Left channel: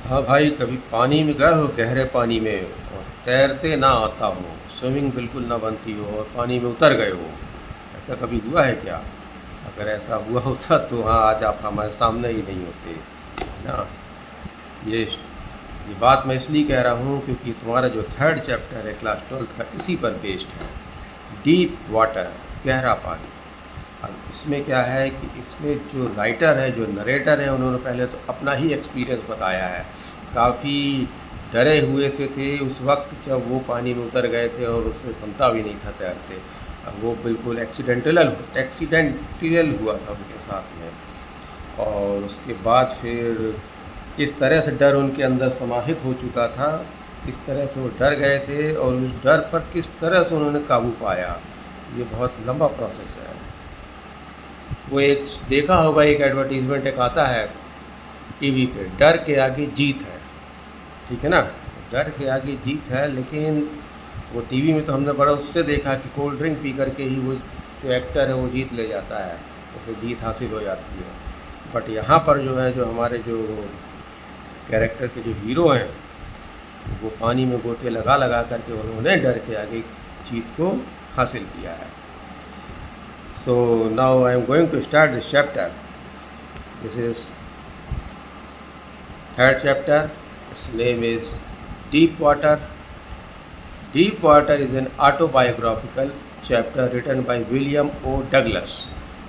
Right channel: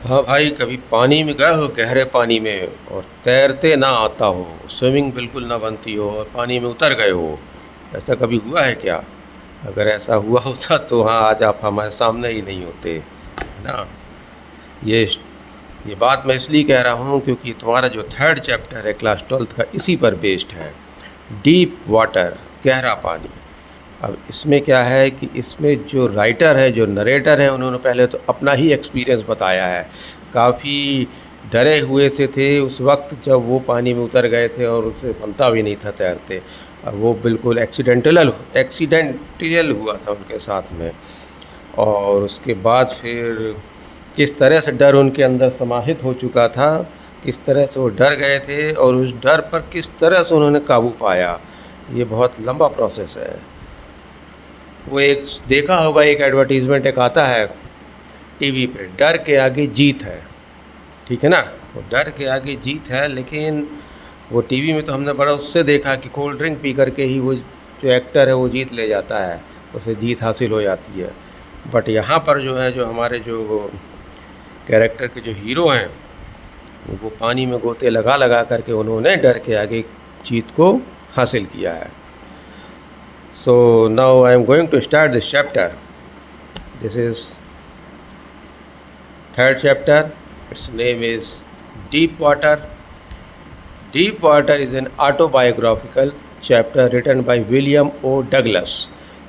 हाँ भाई, कभी पानी में गए हो, गहरे पानी में, और तैरते ना आता हो, स्विमिंग बिल्कुल ना बनती हो और पानी में उतर गए हो। ऐसा कभी हुआ है क्या? अगर ऐसा हुआ होता तो हाँ, आज आप हमारे सामने ही नहीं होते, है ना। ये ये बात मैं इसलिए कह रहा हूँ क्योंकि तुम्हारा जो थर्ड चैप्टर है क्लास ट्वेल्थ का, इसी पर बेस्ड है। डीप वाटर, गहरा पानी। अब इसमें क्या है कि इसमें जो राइटर है, जो नरेटर है, उन्होंने पहले तो अपना ही एक्सपीरियंस बताया है। काफ़ी डरे हुए से थे उस वक्त जब वो पानी में उतर गए थे और उसे बनता भी नहीं था तैरते। और वो बिल्कुल एक्सीडेंटल हुआ था उनके साथ में। और उसके बाद फिर किस तरह से डर उनके अंदर समाहित हो चुका था, किस तरह से वो डर गए थे और उस डर पर किस तरह से उन्होंने काबू पाया, ये बहुत लंबा प्रोसेस है। वो एक देखा होगा, एक एडवर्टीज़मेंट एक आता है टीवी पे, डर के आगे जीत है। ठीक है ना। वो डर के आगे जीत है, लेकिन वो टीवी में तो हमने बड़ा उससे देखा कि कोल्ड ड्रिंक पी करके ही वो जो एक्टर है वो जीत ले जाता है, उसे जीत हासिल हो जाती है। बट यहाँ पर जो है, जो हमारे जो कैरेक्टर के जो हीरो हैं, वो पानी में गोते लगा लगा करके उन्होंने डर के आगे जीत को हासिल किया है। So now I am going to start this chapter. This is third chapter. Its name is Deep Water. Deep Water is an autobiographical chapter written by William O. Douglas.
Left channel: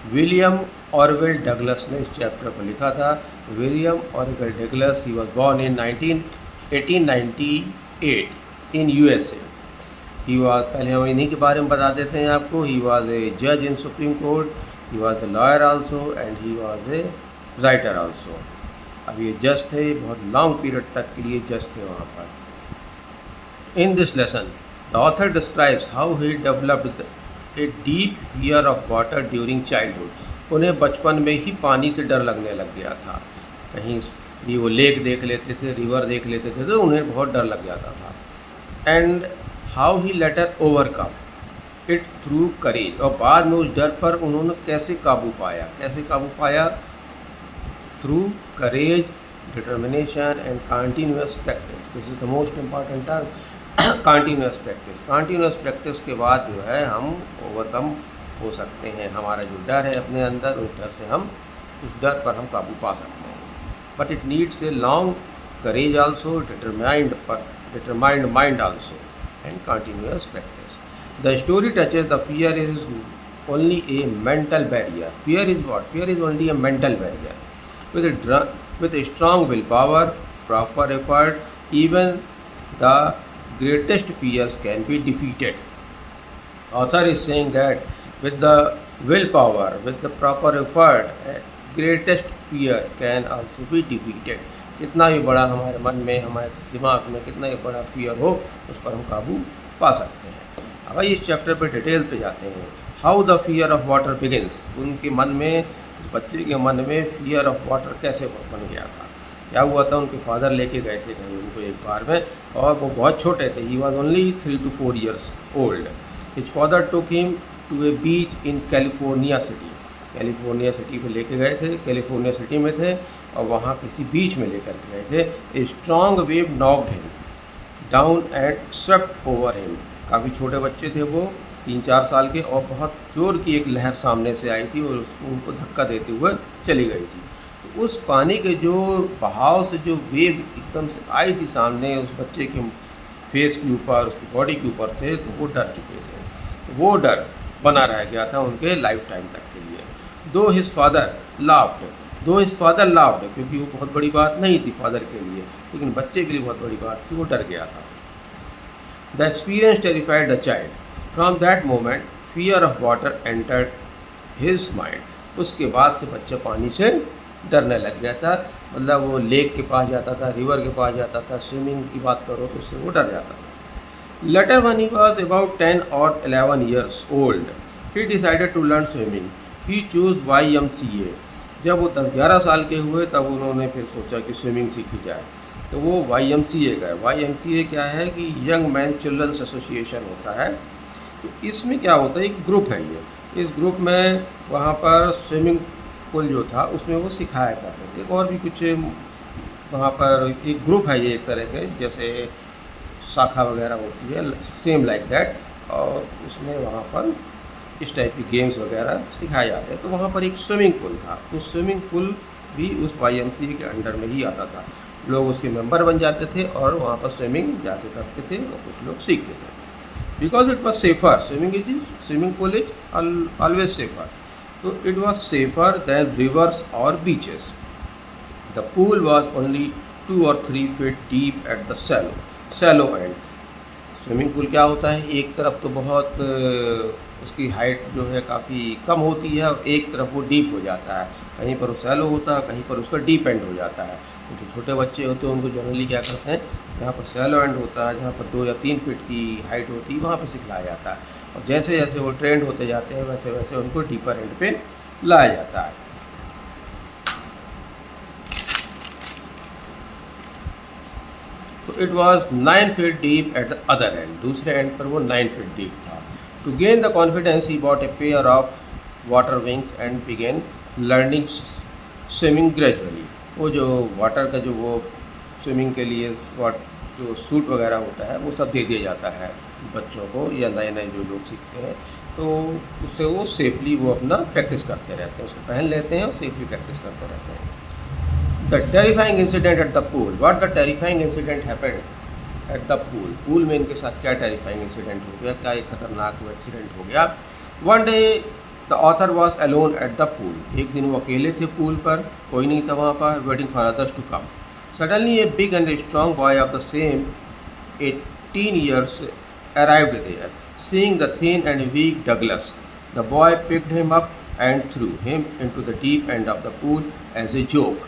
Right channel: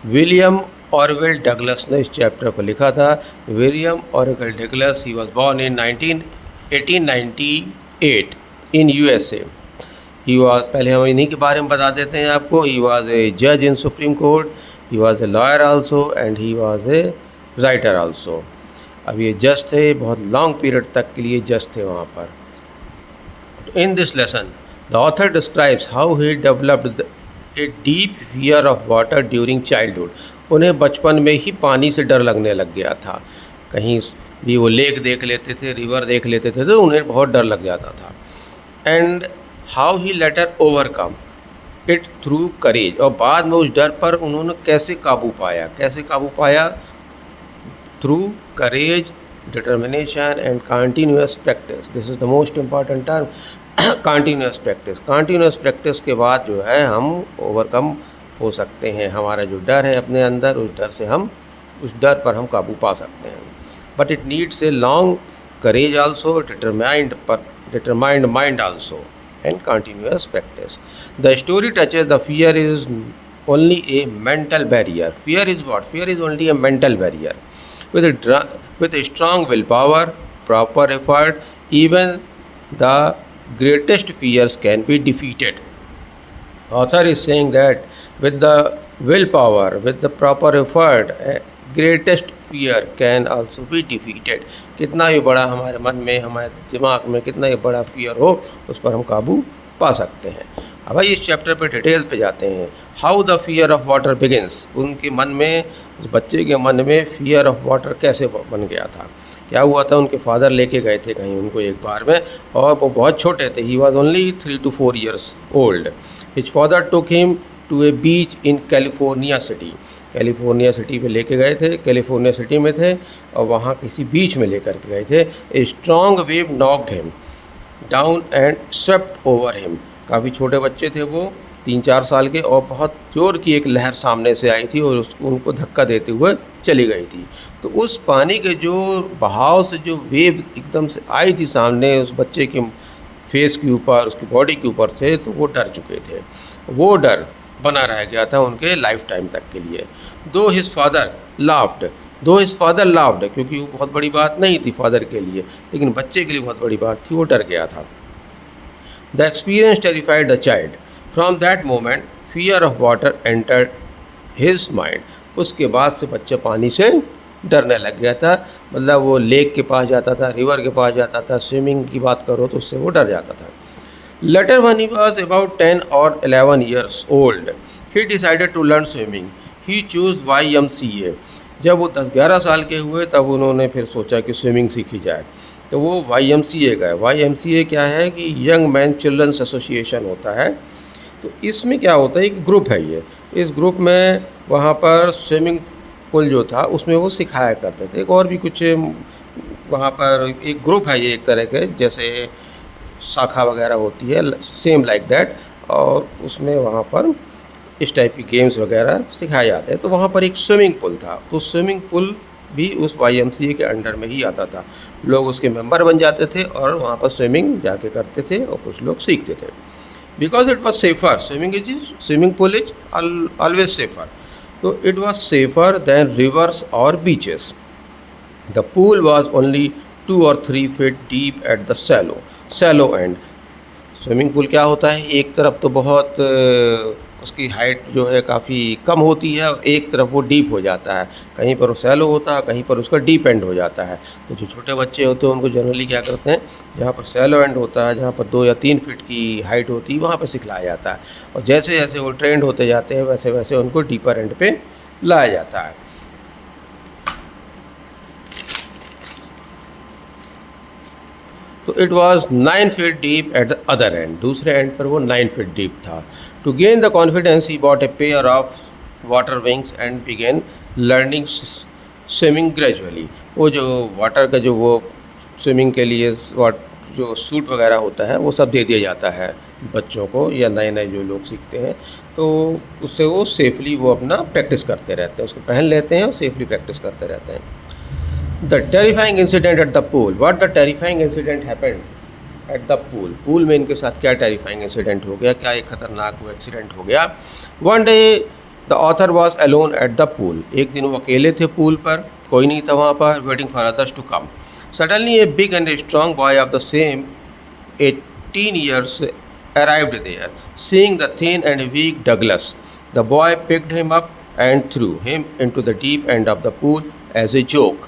William Orwell Douglas ने इस chapter को लिखा था। William Orwell Douglas, he was born in 1898 in USA. He was, पहले हम इन्हीं के बारे में बता देते हैं आपको। ही वॉज ए जज in Supreme Court, he was a lawyer also, and he was a writer also. अब ये जज थे, बहुत लॉन्ग पीरियड तक के लिए जज थे वहाँ पर। In this lesson the author describes how he developed a deep fear of water during childhood. उन्हें बचपन में ही पानी से डर लगने लग गया था। कहीं भी वो लेक देख लेते थे, रिवर देख लेते थे, तो उन्हें बहुत डर लग जाता था। And how he later overcome it through courage. और बाद में उस डर पर उन्होंने कैसे काबू पाया, कैसे काबू पाया? through courage, determination and continuous practice. This is the most important term. continuous practice. Continuous practice के बाद जो है हम ओवरकम हो सकते हैं। हमारा जो डर है अपने अंदर, उस डर पर हम काबू पा सकते हैं। But it needs a long courage also, determined mind also, and continuous practice. The story touches the fear is only a mental barrier. Fear is what? Fear is only a mental barrier. With a strong willpower, proper effort, even the greatest fears can be defeated. Author is saying that with the willpower, with the proper effort, greatest fear can also be defeated. कितना ही बड़ा हमारे मन में, हमारे दिमाग में कितना ही बड़ा फियर हो, उस पर हम काबू पा सकते हैं। अब भाई इस चैप्टर पे डिटेल पे जाते हैं। How the fear of water begins. उनके मन में, बच्चे के मन में फियर ऑफ वाटर कैसे बन गया था। क्या हुआ था, उनके फादर लेके गए थे कहीं उनको एक बार में, और वो बहुत छोटे थे। He was only 3 to 4 years old. His father took him to a beach in California city. California city में लेके गए थे, कैलिफोर्निया सिटी में थे और वहाँ किसी बीच में लेकर के गए थे। A strong wave knocked him down and swept over him. काफ़ी छोटे बच्चे थे वो, 3-4 साल के, और बहुत जोर की एक लहर सामने से आई थी और उसको उनको धक्का देते हुए चली गई थी। तो उस पानी के जो बहाव से जो वेव एकदम से आई थी सामने, उस बच्चे के फेस के ऊपर, उसकी बॉडी के ऊपर थे, तो वो डर चुके थे। वो डर बना रह गया था उनके लाइफ टाइम तक के लिए। दो हिज फादर लाफ्ड, क्योंकि वो बहुत बड़ी बात नहीं थी फादर के लिए, लेकिन बच्चे के लिए बहुत बड़ी बात थी, वो डर गया था। The experience terrified the child. From that moment fear of water entered his mind. उसके बाद से बच्चा पानी से डरने लग गया था। मतलब वो लेक के पास जाता था, रिवर के पास जाता था, स्विमिंग की बात करो तो उससे वो डर जाता था। Later when he was about 10 or 11 years old, he decided to learn swimming. He chose YMCA. जब वो 10-11 साल के हुए तब उन्होंने फिर सोचा कि स्विमिंग सीखी जाए, तो वो YMCA गए। YMCA क्या है कि यंग मैन चिल्ड्रंस एसोसिएशन होता है। तो इसमें क्या होता है, एक ग्रुप है ये। इस ग्रुप में वहाँ पर स्विमिंग पूल जो था उसमें वो सिखाया करते थे। एक और भी कुछ वहाँ पर एक ग्रुप है, ये एक तरह के जैसे शाखा वगैरह होती है, सेम लाइक दैट, और उसमें वहाँ पर इस टाइप की गेम्स वगैरह सिखाए जाते हैं। तो वहाँ पर एक स्विमिंग पूल था, तो स्विमिंग पूल भी उस YMCA के अंडर में ही आता था। लोग उसके मेंबर बन जाते थे और वहाँ पर स्विमिंग जाके करते थे और कुछ लोग सीखते थे। Because it was safer, swimming pool is always safer, तो it was safer than rivers और beaches. The pool was only 2 or 3 feet deep at the shallow end. Swimming pool क्या होता है, एक तरफ तो बहुत उसकी हाइट जो है काफ़ी कम होती है और एक तरफ वो डीप हो जाता है, कहीं पर वो सैलो होता है, कहीं पर उसका डीप एंड हो जाता है। तो जो छोटे बच्चे होते हैं उनको जनरली क्या करते हैं, जहाँ पर सैलो एंड होता है, जहाँ पर 2 या 3 फीट की हाइट होती है, वहाँ पर सिखलाया जाता है, और जैसे जैसे वो ट्रेंड होते जाते हैं वैसे वैसे उनको डीपर एंड पे लाया जाता है। तो it was 9 feet deep at the other end, दूसरे एंड पर वो 9 feet डीप था। To gain the confidence he bought a pair of water wings and began learning swimming gradually. वो जो वाटर का जो वो स्विमिंग के लिए जो सूट वगैरह होता है वो सब दे दिया जाता है बच्चों को, या नए नए जो लोग सीखते हैं, तो उससे वो सेफली वो अपना प्रैक्टिस करते रहते हैं, उसको पहन लेते हैं और सेफली प्रैक्टिस करते रहते हैं। The terrifying incident at the pool, what the terrifying incident happened at the pool. Pool में इनके साथ क्या टेरिफाइंग इंसिडेंट हो गया, क्या एक खतरनाक वो एक्सीडेंट हो गया। One day the author was alone at the pool, एक दिन वो अकेले थे पूल पर, कोई नहीं था वहाँ पर, waiting for others to come. Suddenly a big and strong boy of the same 18 years arrived there. Seeing the thin and weak Douglas, the boy picked him up and threw him into the deep end of the pool as a joke.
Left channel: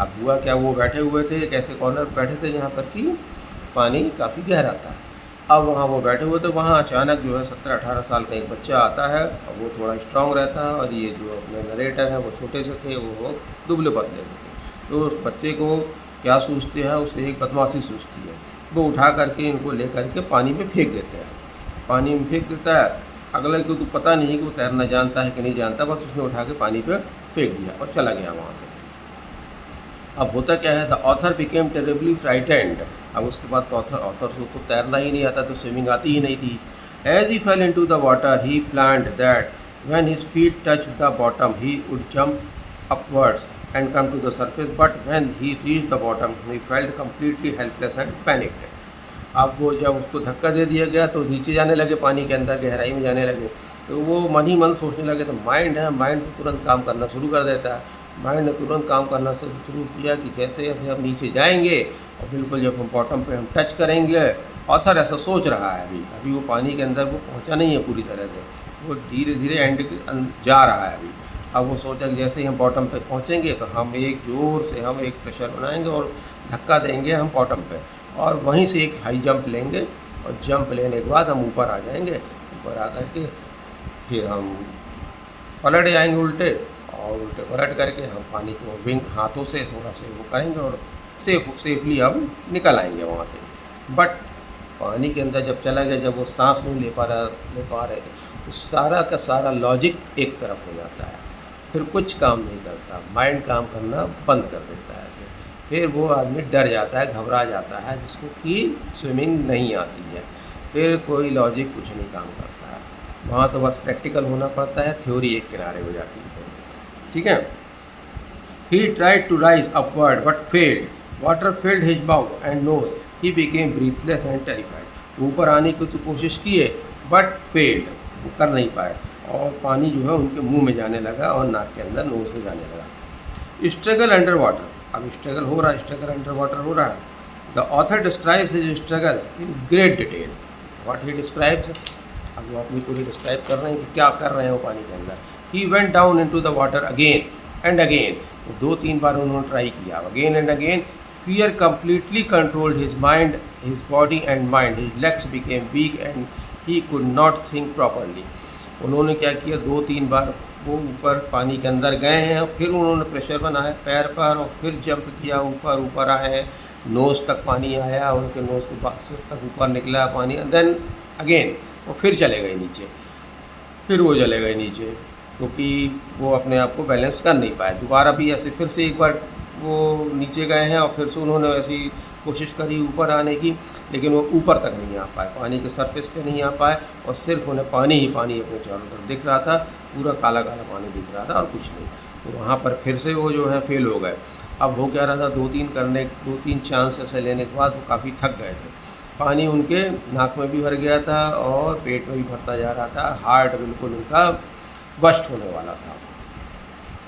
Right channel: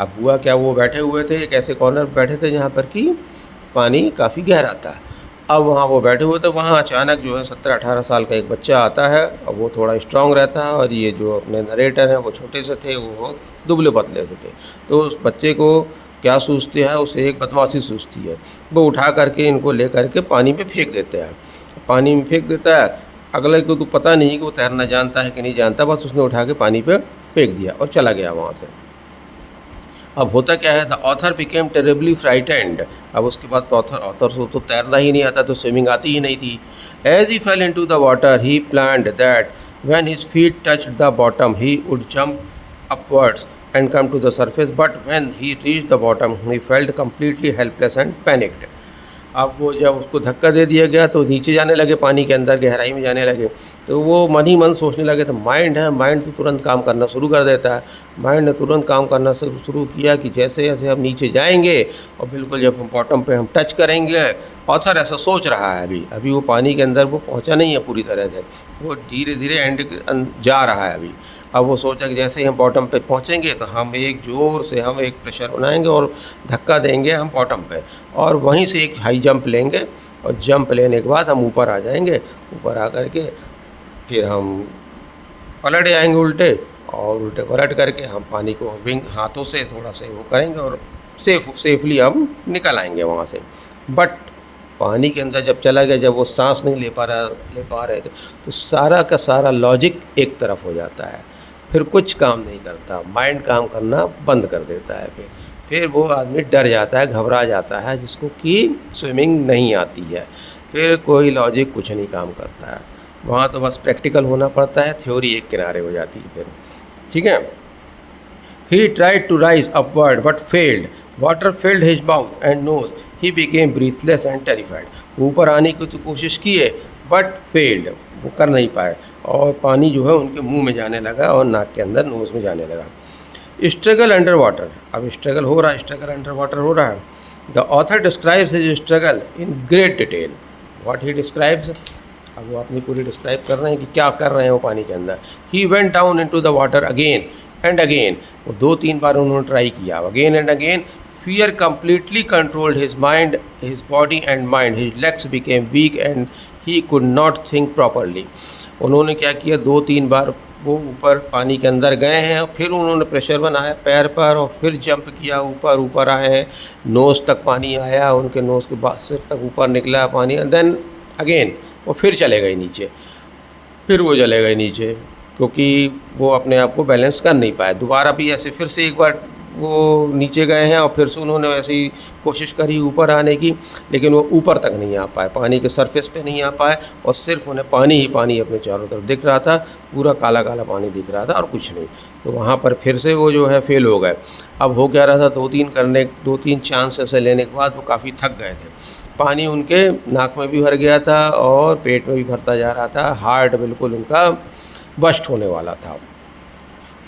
अब हुआ क्या, वो बैठे हुए थे एक ऐसे corner पर बैठे थे जहाँ पर कि पानी काफ़ी गहरा था। अब वहाँ वो बैठे हुए थे, वहाँ अचानक जो है 17-18 साल का एक बच्चा आता है, और वो थोड़ा स्ट्रांग रहता है, और ये जो अपने नरेटर हैं वो छोटे से थे, वो दुबले पतले से थे। तो उस बच्चे को क्या सूझते हैं, उसे एक बदमाशी सूझती है, वो उठा करके इनको ले करके पानी में फेंक देते हैं। पानी में फेंक देता है, अगले को तो पता नहीं कि वो तैरना जानता है कि नहीं जानता, बस उसने उठा के पानी पे फेंक दिया और चला गया वहाँ से। अब होता क्या है, the author became terribly frightened. अब उसके बाद ऑथर को तो तैरना ही नहीं आता, तो स्विमिंग आती ही नहीं थी। As he fell into the water he planned that when his feet touched the bottom he would jump upwards and come to the surface, but when he reached the bottom he felt completely helpless and panicked. अब वो जब उसको धक्का दे दिया गया तो नीचे जाने लगे, पानी के अंदर गहराई में जाने लगे, तो वो मन ही मन सोचने लगे। तो माइंड है, माइंड तो तुरंत काम करना शुरू कर देता है। माइंड ने तुरंत काम करना शुरू किया कि जैसे जैसे हम नीचे जाएंगे और बिल्कुल जब हम बॉटम पे हम टच करेंगे, ऑथर ऐसा सोच रहा है, अभी वो पानी के अंदर वो पहुंचा नहीं है पूरी तरह से, वो धीरे धीरे एंड जा रहा है अभी। अब वो सोचा कि जैसे ही हम बॉटम पे पहुंचेंगे तो हम एक ज़ोर से हम एक प्रेशर बनाएंगे और धक्का देंगे हम बॉटम पे, और वहीं से एक हाई जंप लेंगे, और जंप लेने के बाद हम ऊपर आ जाएंगे। ऊपर आ करके फिर हम पलट जाएंगे उल्टे, और उल्टे पलट करके हम पानी को विंग हाथों से थोड़ा से वो करेंगे और सेफली हम निकल आएंगे वहाँ से। बट पानी के अंदर जब चला गया, जब वो सांस नहीं ले पा रहे थे, तो सारा का सारा लॉजिक एक तरफ हो जाता है, फिर कुछ काम नहीं करता, माइंड काम करना बंद कर देता है। फिर वो आदमी डर जाता है, घबरा जाता है, जिसको कि स्विमिंग नहीं आती है, फिर कोई लॉजिक कुछ नहीं काम करता है। वहाँ तो बस प्रैक्टिकल होना पड़ता है, थ्योरी एक किनारे हो जाती है फिर, ठीक है। He tried to rise upward but failed, water filled his mouth and nose, he became breathless and terrified. ऊपर आने की तो कोशिश की है बट फेल्ड, वो कर नहीं पाए, और पानी जो है उनके मुंह में जाने लगा और नाक के अंदर, नोज़ में जाने लगा। स्ट्रगल अंडर वाटर, अब स्ट्रगल हो रहा है, स्ट्रगल अंडर वाटर हो रहा है। The author describes his struggle in great detail. What he describes, अब वो अपनी पूरी डिस्क्राइब कर रहे हैं कि क्या कर रहे हैं वो पानी के अंदर। He went down into the water again and again, वो 2-3 बार उन्होंने ट्राई किया, again and again. Fear completely controlled his mind, his body and mind. His legs became weak and he could not think properly. उन्होंने क्या किया, 2-3 बार वो ऊपर पानी के अंदर गए हैं, फिर उन्होंने प्रेशर बनाया पैर पर, और फिर जंप किया, ऊपर आए हैं, नोज़ तक पानी आया, उनके नोज़ के बाद सिर तक ऊपर निकला पानी, एंड देन अगेन वो फिर चले गए नीचे, क्योंकि वो अपने आप को बैलेंस कर नहीं पाए। दोबारा भी ऐसे फिर से एक बार वो नीचे गए हैं और फिर से उन्होंने वैसे ही कोशिश करी ऊपर आने की, लेकिन वो ऊपर तक नहीं आ पाए, पानी के सरफेस पे नहीं आ पाए और सिर्फ उन्हें पानी ही पानी अपने चारों तरफ दिख रहा था, पूरा काला काला पानी दिख रहा था और कुछ नहीं। तो वहाँ पर फिर से वो जो है फेल हो गए। अब हो क्या रहा था, दो तीन चांस ऐसे लेने के बाद वो काफ़ी थक गए थे। पानी उनके नाक में भी भर गया था और पेट में भी भरता जा रहा था, हार्ट बिल्कुल उनका बस्ट होने वाला था।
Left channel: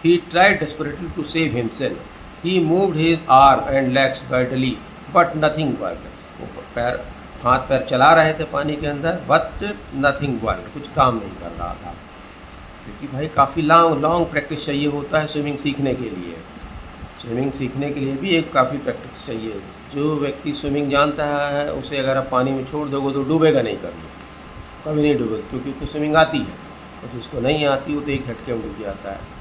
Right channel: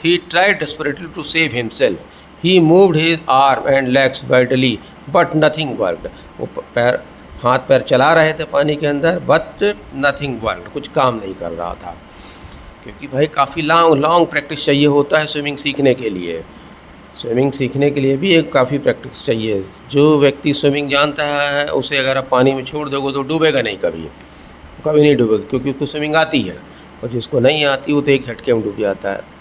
He tried desperately to save himself. He moved his arm and legs vitally, but nothing worked. वो पैर हाथ पैर चला रहे थे पानी के अंदर, बट नथिंग वर्कड, कुछ काम नहीं कर रहा था। क्योंकि भाई काफ़ी लॉन्ग प्रैक्टिस चाहिए होता है स्विमिंग सीखने के लिए। स्विमिंग सीखने के लिए भी एक काफ़ी प्रैक्टिस चाहिए। जो व्यक्ति स्विमिंग जानता है उसे अगर आप पानी में छोड़ दोगे तो डूबेगा नहीं, कभी कभी नहीं डूबेगा, क्योंकि उसको स्विमिंग आती है। और जिसको नहीं आती वो तो एक झटके में डूब जाता है।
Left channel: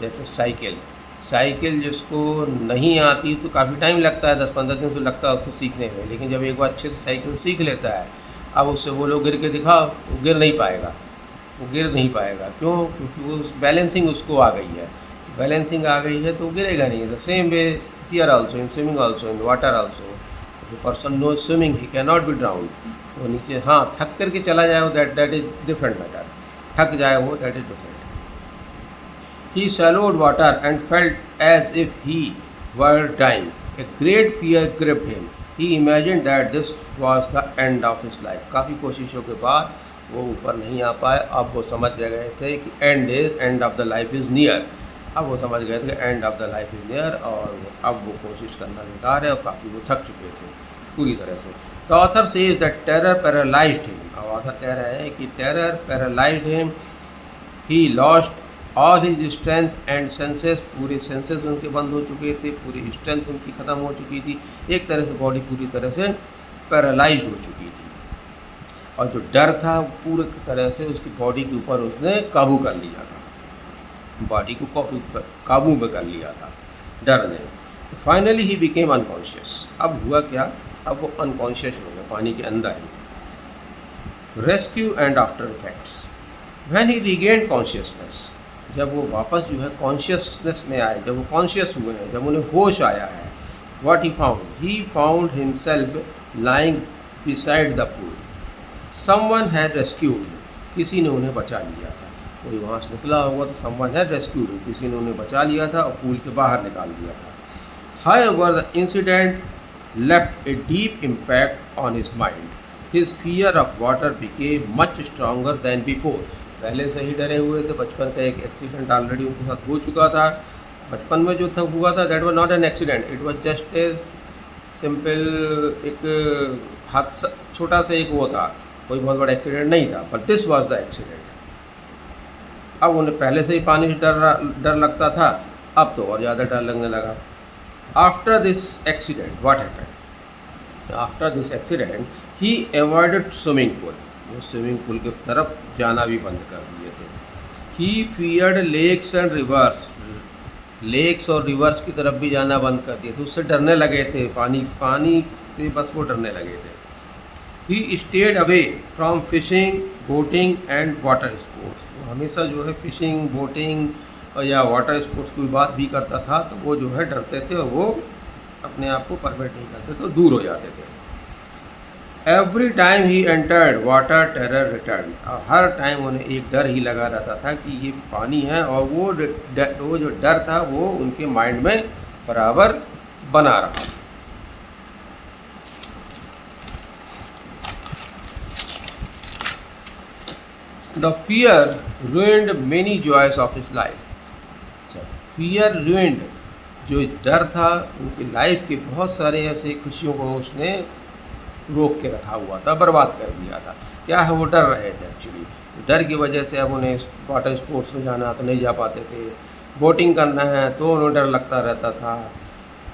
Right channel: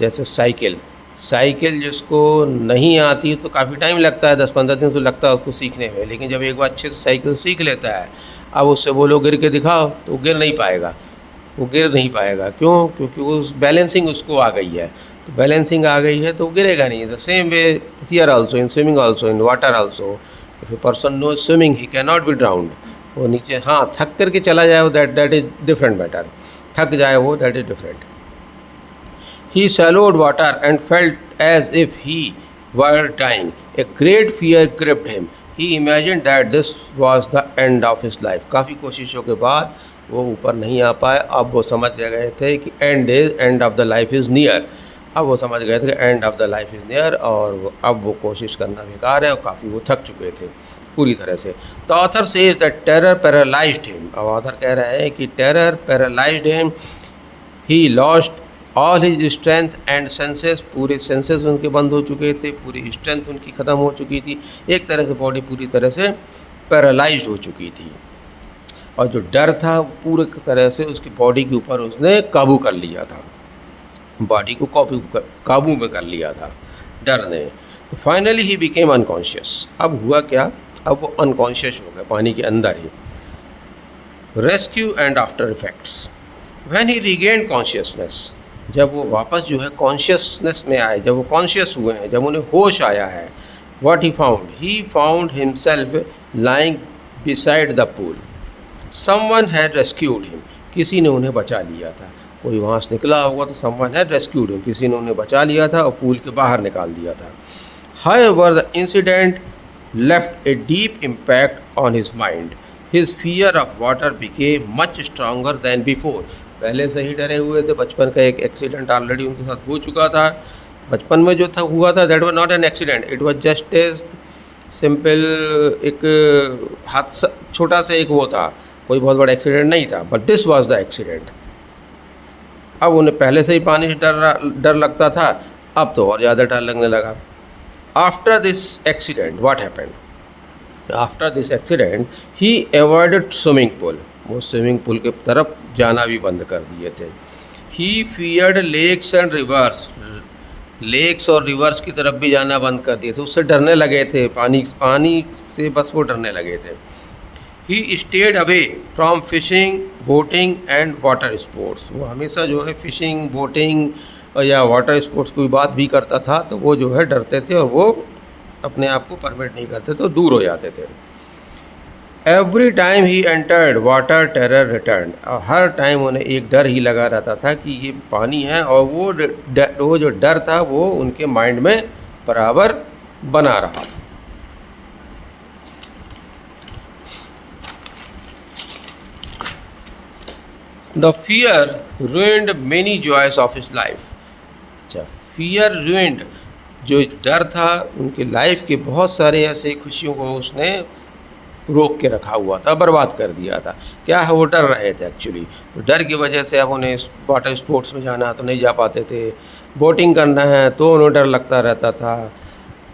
जैसे साइकिल जिसको नहीं आती तो काफ़ी टाइम लगता है, 10-15 दिन तो लगता है उसको सीखने में, लेकिन जब एक बार अच्छे से साइकिल सीख लेता है, अब उससे बोलो गिर के दिखाओ तो गिर नहीं पाएगा, वो गिर नहीं पाएगा। क्यों? क्योंकि वो बैलेंसिंग उसको आ गई है। तो बैलेंसिंग आ गई है तो वो गिरेगा नहीं। The same way here also, in swimming also, in water also, if a person know swimming he can not be drowned. वो नीचे हाँ थक करके चला जाए वो दैट इज डिफरेंट मैटर, थक जाए वो that is different. He swallowed water and felt as if he were dying. A great fear gripped him. He imagined that this was the end of his life. काफ़ी कोशिशों के बाद वो ऊपर नहीं आ पाए। अब वो समझ गए थे कि end of the life is near. अब वो समझ गए थे कि end of the life is near, और अब वो कोशिश करना बेकार है और काफ़ी वो थक चुके थे पूरी तरह से। The author says that terror paralysed him. अब ऑथर कह रहे हैं कि terror paralysed him. He lost all his strength and senses. पूरे सेंसेस उनके बंद हो चुके थे, पूरी स्ट्रेंथ उनकी ख़त्म हो चुकी थी, एक तरह से बॉडी पूरी तरह से पैरालाइज्ड हो चुकी थी। और जो डर था पूरे तरह से उसकी बॉडी के ऊपर उसने काबू कर लिया था, बॉडी को काबू में कर लिया था डर ने। तो फाइनली ही बिकेम अनकॉन्शियस। अब हुआ क्या, अब वो अनकॉन्शियस हो गया पानी के अंदर ही। Rescue and after effects. When he regained consciousness, जब वो वापस जो है कॉन्शियसनेस में आए, जब वो कॉन्शियस हुए हैं, जब उन्हें होश आया है, what he found himself lying beside the pool. Someone had rescued him. किसी ने उन्हें बचा लिया था, कोई वहाँ से निकला होगा तो समवन हैड रेस्क्यूड हिम, किसी ने उन्हें बचा लिया था और पूल के बाहर निकाल दिया था। However the incident left a deep impact on his mind. His fear of water became much stronger then before. पहले से ही डरे हुए थे, बचपन का एक एक्सीडेंट ऑलरेडी उनके साथ हो चुका था। बचपन में जो था हुआ था that was not an accident, it was just a simple एक हादसा, छोटा सा एक वो था, कोई बहुत बड़ा एक्सीडेंट नहीं था, but this was the accident. अब उन्हें पहले से ही पानी से डर लगता था, अब तो और ज़्यादा डर लगने लगा। After this accident what happened, after this accident he avoided swimming pool. वो स्विमिंग पूल के तरफ जाना भी बंद कर दिए थे। He feared lakes and rivers. Lakes और रिवर्स की तरफ भी जाना बंद कर दिए थे, उससे डरने लगे थे, पानी से बस वो डरने लगे थे। He stayed away from fishing, boating and water sports. वो हमेशा जो है फिशिंग, बोटिंग या वाटर स्पोर्ट्स की बात भी करता था तो वो जो है डरते थे और वो अपने आप को परमिट नहीं करते थे, दूर हो जाते थे। Every time he entered water terror return. और हर टाइम उन्हें एक डर ही लगा रहता था कि ये पानी है, और वो जो डर था वो उनके माइंड में बराबर बना रहा। The fear ruined many joys of his life। अच्छा, फियर ruined, जो डर था उनके लाइफ के बहुत सारे ऐसे खुशियों को उसने रोक के रखा हुआ था, बर्बाद कर दिया था। क्या है, वो डर रहे थे एक्चुअली, तो डर की वजह से अब उन्हें वाटर स्पोर्ट्स में जाना तो नहीं जा पाते थे, बोटिंग करना है तो उन्हें डर लगता रहता था,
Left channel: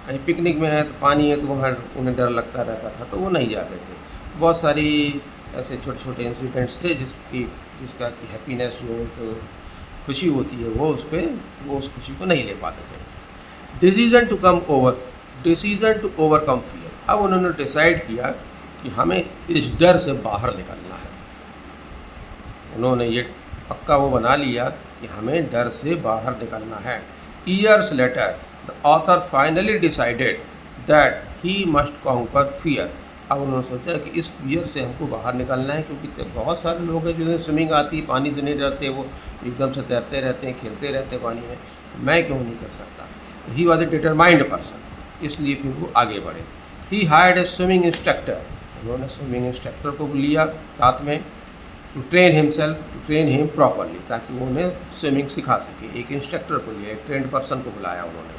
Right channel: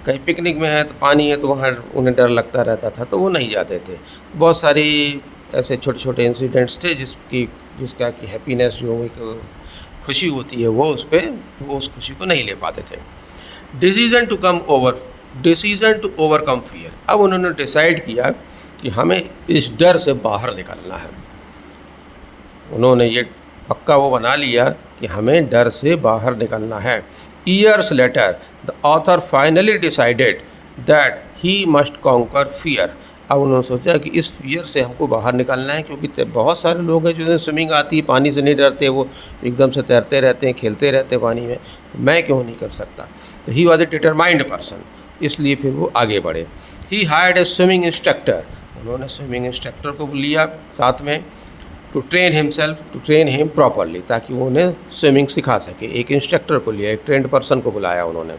कहीं पिकनिक में है तो पानी है तो वहाँ उन्हें डर लगता रहता था, तो वो नहीं जाते थे। बहुत सारी ऐसे छोटे छोटे इंसिडेंट्स थे जिसका कि हैप्पीनेस जो एक खुशी होती है वो उस खुशी को नहीं ले पाते थे। Decision to overcome fear. अब उन्होंने डिसाइड किया कि हमें इस डर से बाहर निकलना है। उन्होंने ये पक्का वो बना लिया कि हमें डर से बाहर निकलना है। Years later the author finally decided that he must conquer fear. अब उन्होंने सोचा कि इस फियर से हमको बाहर निकलना है, क्योंकि बहुत सारे लोग हैं जिन्हें स्विमिंग आती है, पानी से नहीं डरते, वो एकदम से तैरते रहते हैं, खेलते रहते हैं पानी में, तो मैं क्यों नहीं कर सकता। तो ही वॉज ए डिटरमाइंड पर्सन, इसलिए फिर वो आगे बढ़े। ही हायर्ड ए स्विमिंग इंस्ट्रक्टर, उन्होंने स्विमिंग इंस्ट्रक्टर को लिया साथ में, टू ट्रेन हिम प्रॉपरली, ताकि वो उन्हें स्विमिंग सिखा सके। एक इंस्ट्रक्टर को लिया, एक ट्रेंड पर्सन को बुलाया उन्होंने।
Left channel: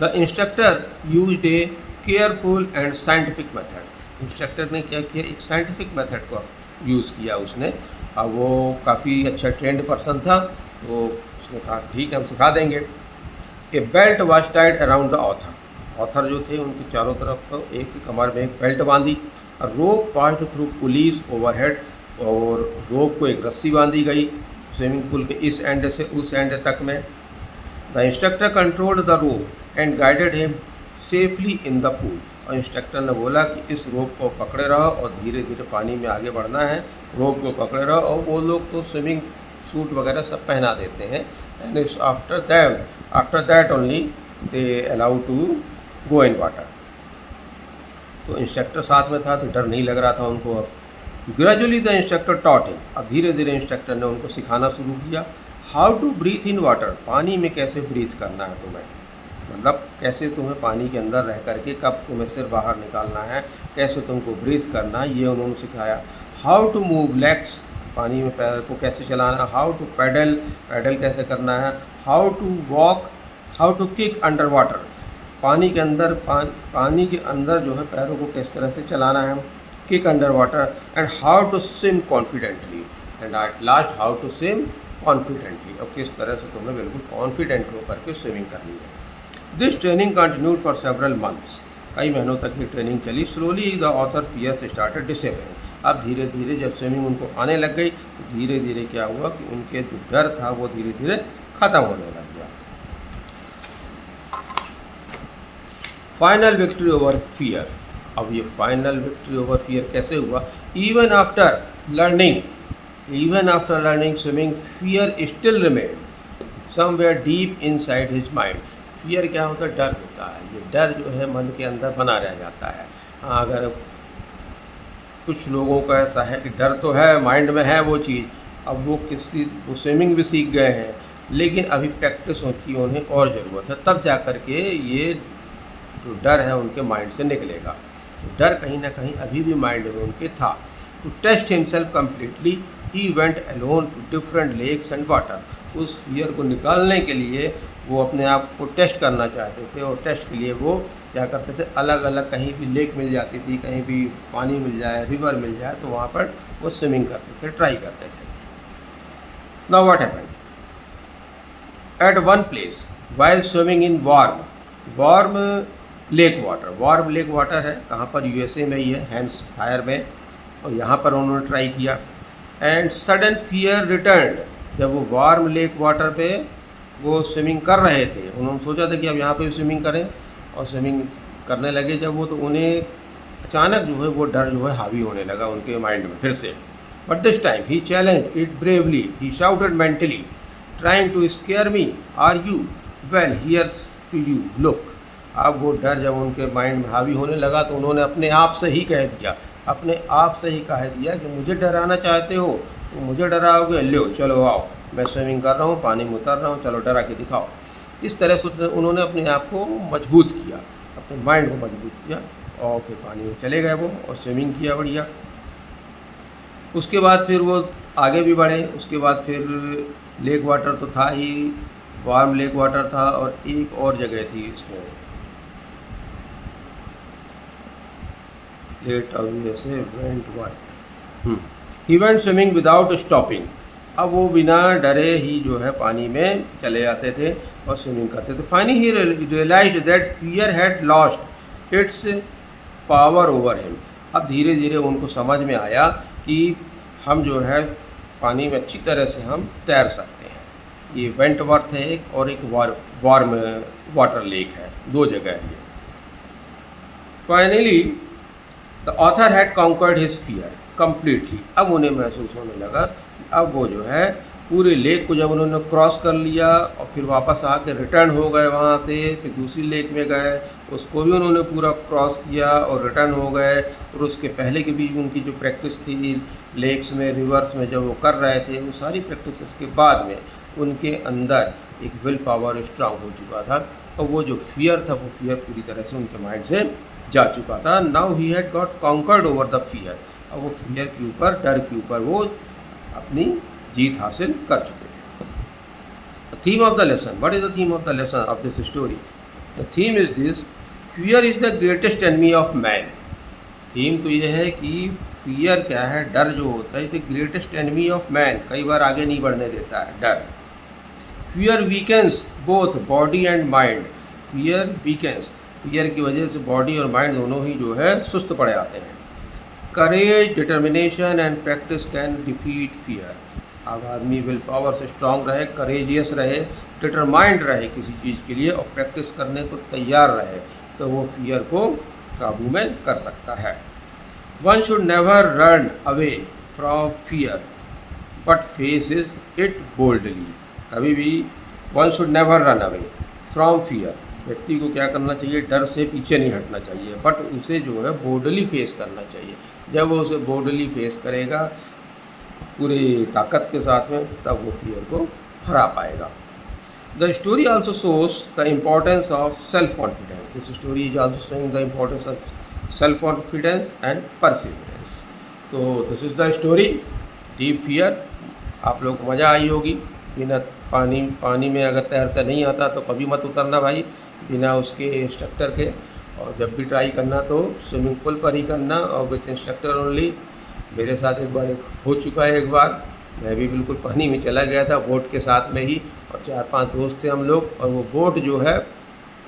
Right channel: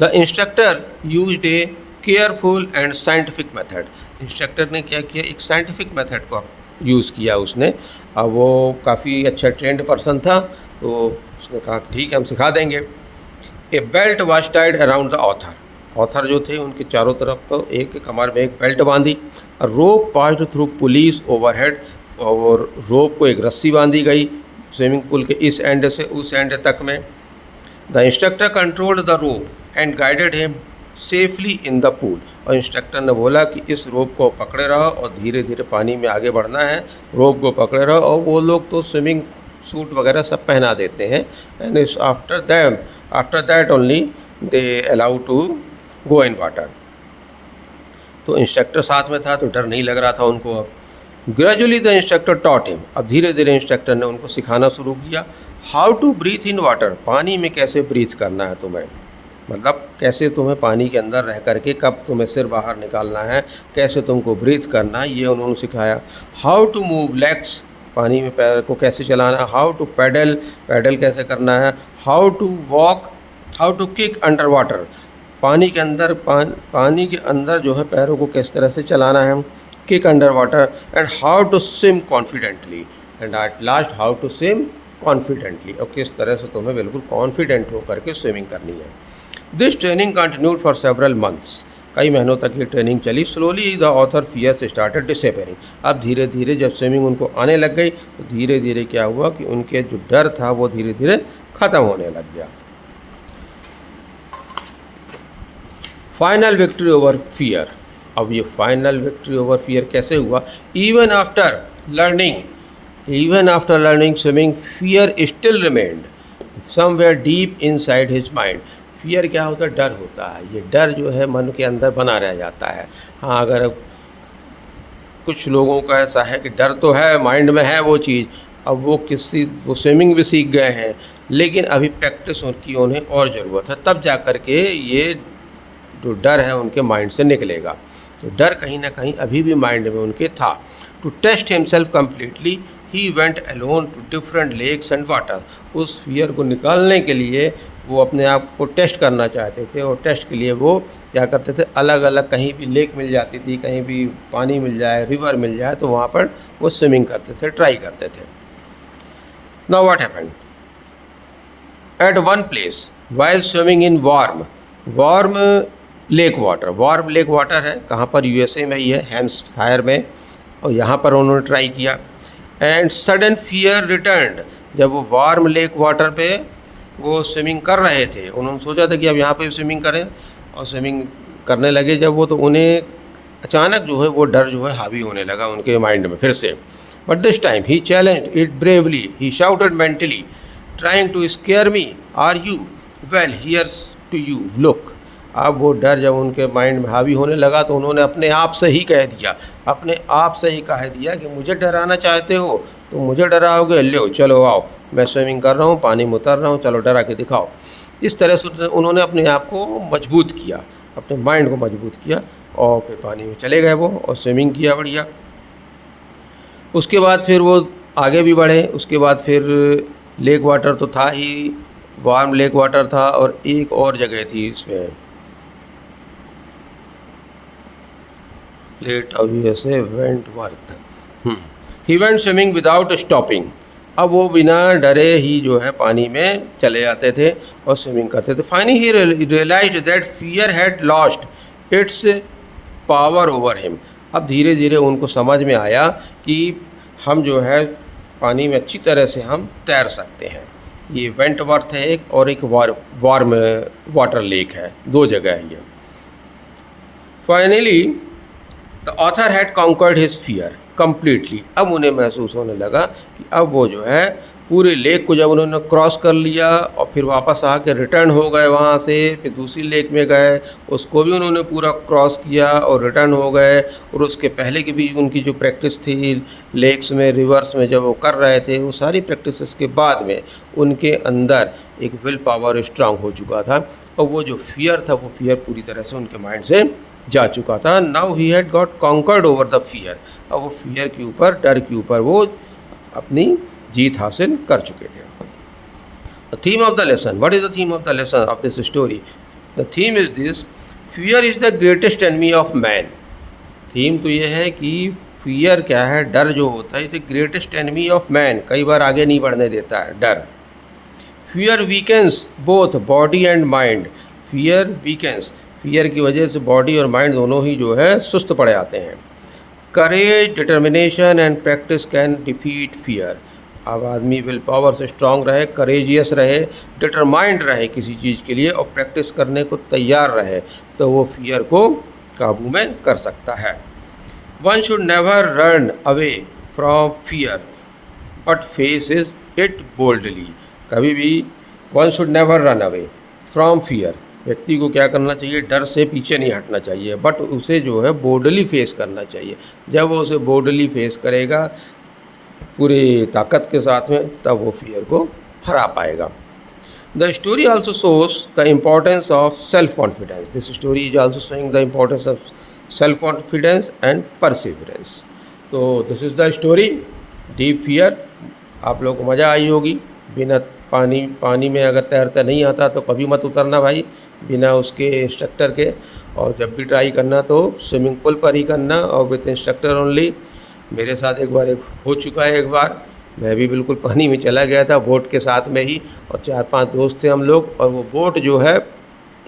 The instructor used A careful and scientific method, instructor ने क्या किया, एक साइंटिफिक मेथड को यूज़ किया उसने। अब वो काफ़ी अच्छा ट्रेंड पर्सन था, तो उसने कहा ठीक है हम सिखा देंगे। A belt was tied around the author जो थे उनके चारों तरफ तो एक कमर में एक बेल्ट बांधी। रोप पास्ड थ्रू पुलिस ओवरहेड, और रोप को एक रस्सी बांधी गई स्विमिंग पूल के इस एंड से उस एंड तक में। The instructor controlled the rope and guided him safely in the pool, और इंस्ट्रक्टर ने बोला कि इस रोप को पकड़े रहो और धीरे धीरे पानी में आगे बढ़ना है, रोप को पकड़े रहो। और वो लोग तो स्विमिंग सूट वगैरह सब पहना देते हैं, and after that only they allow to go in water. तो इंस्ट्रक्टर साथ में था तो डर नहीं लग रहा था उनको। अब gradually the instructor taught him, अब धीरे धीरे इंस्ट्रक्टर ने उनको सिखाना शुरू किया। How to breathe in water, पानी में कैसे ब्रीथ करना है तुम्हें, मतलब कैसे तुम्हें पानी के अंदर रह करके कब तुम्हें सिर बाहर निकालना है, कैसे तुमको ब्रीथ करना है, ये उन्होंने सिखाया। हाउ टू मूव लेग्स, पानी में पैर को कैसे चलाना है। हाउ टू पैडल कैसे करना है। How to walk, how to kick under water, पानी के अंदर जो है पैरों को किस तरह से चलाना है, kick under water. And how to swim confidently, and at last how to swim confidently, और किस तरह से तुम्हें बिल्कुल कॉन्फिडेंट होकर के स्विमिंग करनी है। This training continued for several months, कई महीनों तक ये ट्रेनिंग चली। Slowly the author fears started disappearing, अब धीरे धीरे जब स्विमिंग उनको आने लग गई तो धीरे धीरे क्या हुआ कि उनके जो डर था वो धीरे धीरे ख़त्म होने लग गया। फाइनल विक्ट्री ओवर फियर, अब ये फाइनल विक्ट्री ओवर फियर कैसे हुआ। Even after learning swimming fear still remained somewhere deep inside his mind. Fear क्या होता है, डर होता है, ये डर जो है मन के अंदर बना रह जाता है। हाँ, अगर कुछ लोगों का ऐसा है कि डर तो है, माइंड में है वो चीज़, अब वो स्विमिंग भी सीख गए हैं, लेकिन अभी प्रैक्टिस की उन्हें और ज़रूरत है, तब जा कर के ये जो डर है उनके माइंड से निकलेगा। तो डर कहीं ना कहीं अभी भी माइंड में उनके था। To test himself completely he went alone to different lakes and water, उस फियर को निकालने के लिए वो अपने आप को टेस्ट करना चाहते थे, और टेस्ट के लिए वो क्या करते थे, अलग अलग कहीं भी लेक मिल जाती थी, कहीं भी पानी मिल जाए, रिवर मिल जाए, तो वहाँ पर वो स्विमिंग करते थे, ट्राई करते थे। Now what happened at one place while swimming in warm lake water है, कहाँ पर, यूएसए में ही है, हैम्पशायर में, और यहाँ पर उन्होंने ट्राई किया। एंड सडन फियर रिटर्न्ड, जब वो वार्म लेक वाटर पे वो स्विमिंग कर रहे थे, उन्होंने सोचा था कि अब यहाँ पे स्विमिंग करें, और स्विमिंग करने लगे जब वो, तो उन्हें अचानक जो है वो डर जो है हावी होने लगा उनके माइंड में फिर से। But this time he challenged it bravely, he shouted mentally trying to scare me, are you well here's to you look. अब वो डर जब उनके माइंड में हावी होने लगा तो उन्होंने अपने आप से ही कह दिया कि मुझे डराना चाहते हो तो मुझे डराओगे, लो चलो आओ, मैं स्विमिंग कर रहा हूँ, पानी में उतर रहा हूँ, चलो डरा के दिखाओ। इस तरह से उन्होंने अपने आप को मजबूत किया, अपने माइंड को मजबूत किया, और फिर पानी में चले गए वो और स्विमिंग किया बढ़िया। उसके बाद फिर वो आगे भी बढ़े, उसके बाद फिर लेक वाटर तो था ही, वार्म लेक वाटर था, और एक और जगह थी इसमें plate of USA Wentworth, he went swimming without stopping. अब वो बिना डरे ही जो है पानी में चले जाते थे और स्विमिंग करते थे। Finally he realised that fear had lost its power over him. अब धीरे धीरे उनको समझ में आया कि हम जो है पानी में अच्छी तरह से हम तैर सकते हैं। ये वेंटवर्थ है एक, और एक वार्म वाटर लेक है, दो जगह है ये। Finally the author had conquered his fear completely. अब उन्हें महसूस होने लगा कि अब वो जो है पूरे लेक को जब उन्होंने क्रॉस कर लिया और फिर वापस आके रिटर्न हो गए वहाँ से, फिर दूसरी लेक में गए, उसको भी उन्होंने पूरा क्रॉस किया और रिटर्न हो गए। और उसके पहले की भी उनकी जो प्रैक्टिस थी लेक्स में, रिवर्स में जब वो कर रहे थे, वो सारी प्रैक्टिस के बाद में उनके अंदर एक विल पावर स्ट्रांग हो चुका था और वो जो फियर था, वो फियर पूरी तरह से उनके माइंड से जा चुका था। Now he had got conquered over the fear. अब वो फियर के ऊपर, डर के ऊपर वो अपनी जीत हासिल कर चुके थे। The theme of the lesson, what is the theme of the lesson of this story? The theme is this, fear is the greatest enemy of man. Theme तो ये है कि फियर क्या है, डर जो होता है, the greatest enemy of man, कई बार आगे नहीं बढ़ने देता है डर। Fear weakens both body and mind. Fear weakens, fear की वजह से बॉडी और माइंड दोनों ही जो है सुस्त पड़ जाते हैं। Courage, determination and practice can defeat fear. अब आदमी विल पावर से स्ट्रांग रहे, करेजियस रहे, डिटरमाइंड रहे किसी चीज़ के लिए और प्रैक्टिस करने को तैयार रहे, तो वो फियर को काबू में कर सकता है। One should never run away from fear but face it boldly. कभी भी one should never run away from fear, व्यक्ति को क्या करना चाहिए, डर से पीछे नहीं हटना चाहिए, बट उसे जो है बोल्डली फेस करना चाहिए। जब वो उसे बोल्डली फेस करेगा पूरी ताकत के साथ में, तब वो फियर को हरा पाएगा। The story also shows the importance of self confidence. This story is also showing the importance of self confidence and perseverance. तो this is the story deep fear. आप लोग को मज़ा आई होगी। बिना पानी में अगर तैरता नहीं आता तो कभी मत उतरना भाई, बिना उसके इंस्ट्रक्टर के। और जब भी ट्राई करना तो स्विमिंग पूल पर ही करना और विथ इंस्ट्रक्टर ओनली। मेरे साथ एक बार हो चुका है, एक बार मैं भी बिल्कुल पानी में चला गया था बोट के साथ में ही, और 4-5 दोस्त थे हम लोग। और वो बोट जो है,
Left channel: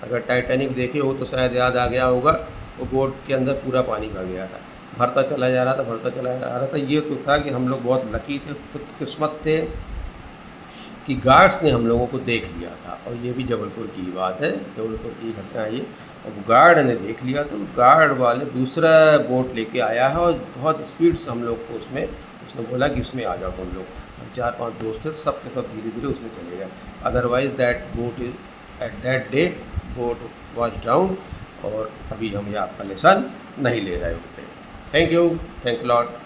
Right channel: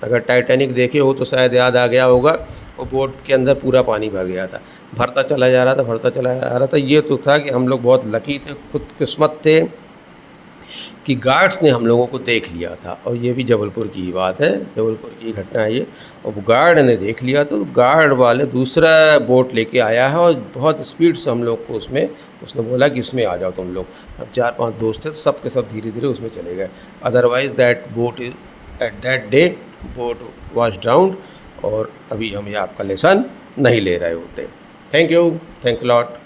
अगर टाइटैनिक देखे हो तो शायद याद आ गया होगा, वो बोट के अंदर पूरा पानी भर गया था, भरता चला जा रहा था, भरता चला जा रहा था। ये तो था कि हम लोग बहुत लकी थे, खुशकिस्मत थे कि गार्ड्स ने हम लोगों को देख लिया था। और ये भी जबलपुर की ही बात है, जबलपुर की घटना है ये। और गार्ड ने देख लिया था, तो गार्ड वाले दूसरा बोट लेके आया है और बहुत स्पीड से हम लोग को उसमें, उसने बोला कि इसमें आ जाओ तुम लोग। अब 4-5 दोस्त थे, सब के सब धीरे धीरे उसमें चले गए। Otherwise that boat is at that day boat was drowned, और अभी हम ये आपका लेसन नहीं ले रहे होते। Thank you lot.